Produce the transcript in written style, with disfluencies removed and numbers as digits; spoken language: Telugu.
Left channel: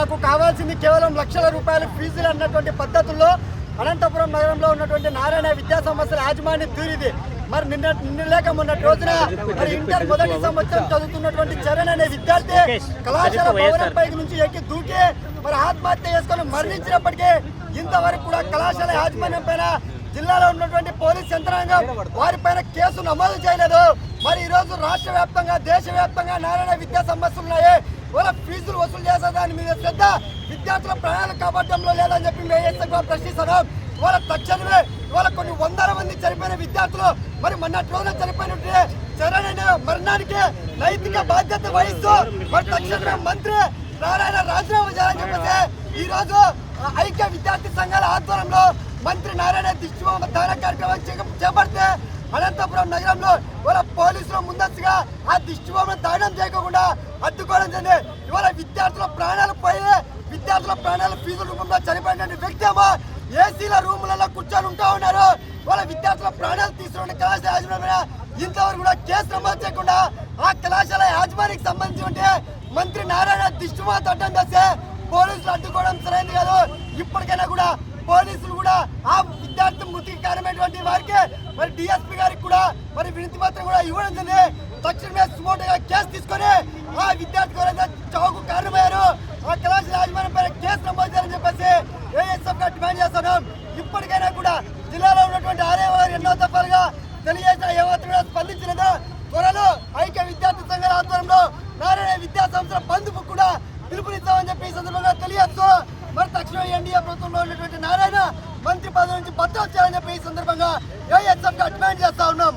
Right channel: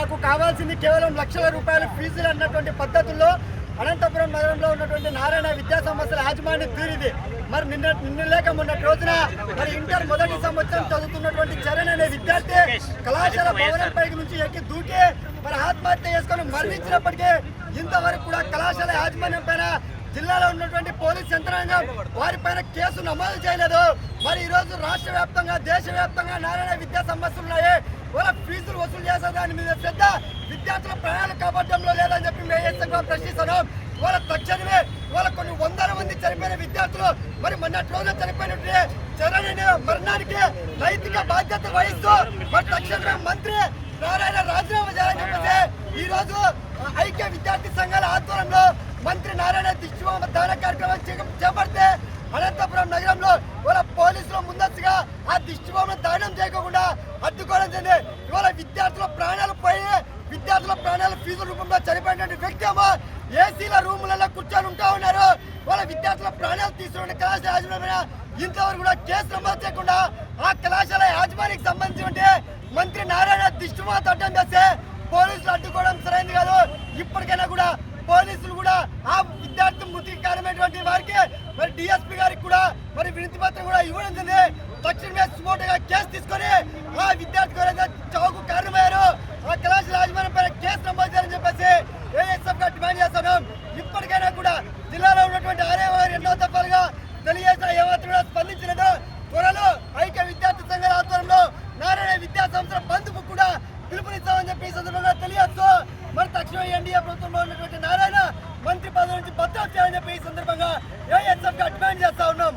మాకు కావాల్సింది కేవలం లక్షల రూపాయల ఫీజులు అన్నటువంటి పద్ధతుల్లో అనంతపురం నగరంలో ఉన్నటువంటి నారాయణ విద్యా సంస్థల యాజమాన్య తీరిది. మరి నిన్న లేక మొన్నటి రోజున మరి ఇంటర్ మొదటి సంవత్సరం చదువుతున్నటువంటి చరణ్ అనే విద్యార్థి కళాశాల భవనం పైకి నుంచి ఎక్కి దూకి మరి ఆత్మహత్య చేసుకొని మరణించినప్పటికీ ఇంతవరకు కూడా కళాశాల యాజమాన్యం పైన జిల్లాలో ఉన్నటువంటి పోలీస్ యంత్రాంగం వారిపైన కేసు నమోదు చేయలేదు. మరి ఈ రోజు రాష్ట్ర వ్యాప్తంగా దేశవ్యాప్తంగా నారాయణ విద్యా సంస్థలు ఉన్నాయి. వాళ్ళ ఫీజులు వసూలు చేసే దాని మీద శ్రద్ధ విద్యార్థుల ప్రాణాలు కాపాడడంలో లేదని చెప్పి మేము ప్రశ్నిస్తున్నాం. ఇవాళ తక్షణమే ఇవాళ కొన్ని వందల మంది చనిపోయిన విద్యార్థులు మరి మొన్నటి రోజున చనిపోయినట్టే చరణ్ మరణానికి నైతిక బాధ్యత వహిస్తూ మరి తక్షణమే మంత్రి నారాయణ రాజీనామా చేయాలని చెప్పేసి ఈ రోజు ఐక్య విద్యార్థి సంఘాల ఆధ్వర్యంలో మంత్రి నారాయణ దిష్టిబొమ్మ దాన కార్యక్రమం చేపడితే అనంతపురం నగరంలో ఇవాళ పోలీసులు ముందస్తుగా ఆ దిష్టిబొమ్మను దానం చేయకుండా అడ్డుకోవడం జరిగింది. ఇవాళ విద్యార్థుల ప్రాణాలు పోయి విద్యార్థుల ప్రాణాలు ఫీజు రూపంలో చనిపోయిన వ్యక్తి ఏమో ఏసీల రూములలో కూర్చొని ఉంటా ఉన్నారు. వాళ్ళ విద్యార్థుల ప్రాణాలు తీసుకున్న కళాశాల యాజమాన్యం ఇంతవరకు కూడా కేసు నమోదు చేయకుండా ఆ కళాశాల యాజమాన్యానికి సంబంధించి మంత్రి నారాయణ దిష్టిబొమ్మ తట్టం చేస్తే పోలీసులు అడ్డుకోవడం సరైనది కాదు. ఇప్పటికైనా కూడా పోలీసులు కూడా ఆ విద్యార్థి మృతికి కారణమైనటువంటి వారికి మరి డిఎస్పీ గారికి కూడా మరి వినతి పత్రం కూడా ఇవ్వడం జరిగింది. తక్షణమే సుమోటోగా కేసు తీసుకొని ఆ విద్యార్థి ఎవరైతే చావుకు కారణమయ్యారో ఆ కళాశాల యాజమాన్యం పైన కేసు నమోదు చేయాలని చెప్పేసి ఏఎస్ఎఫ్ గా డిమాండ్ చేస్తున్నాం. ఇప్పటికైనా కూడా జిల్లాలో ఉన్నటువంటి ఆర్ఐ ఎన్నో దఫాలుగా తెలియజేసిన ఏమాత్రం కూడా స్పందించలేదు. త్వరలో ఐక్య విద్యార్థి సంఘాల ఆధ్వర్యంలో నారాయణ విద్యా సంస్థల బంధుకు కూడా పిలుపునిస్తామని చెప్పి ఈ సందర్భంగా తెలియజేస్తూ మరి తక్షణం ఎన్డీఏ ప్రభుత్వంలో ఉన్నటువంటి నారాయణ మంత్రి పదవి నుంచి బద్దలు చేయాలని చెప్పి ఈ సందర్భంగా ఏఎస్ఎఫ్ గా డిమాండ్ చేస్తా ఉన్నాం.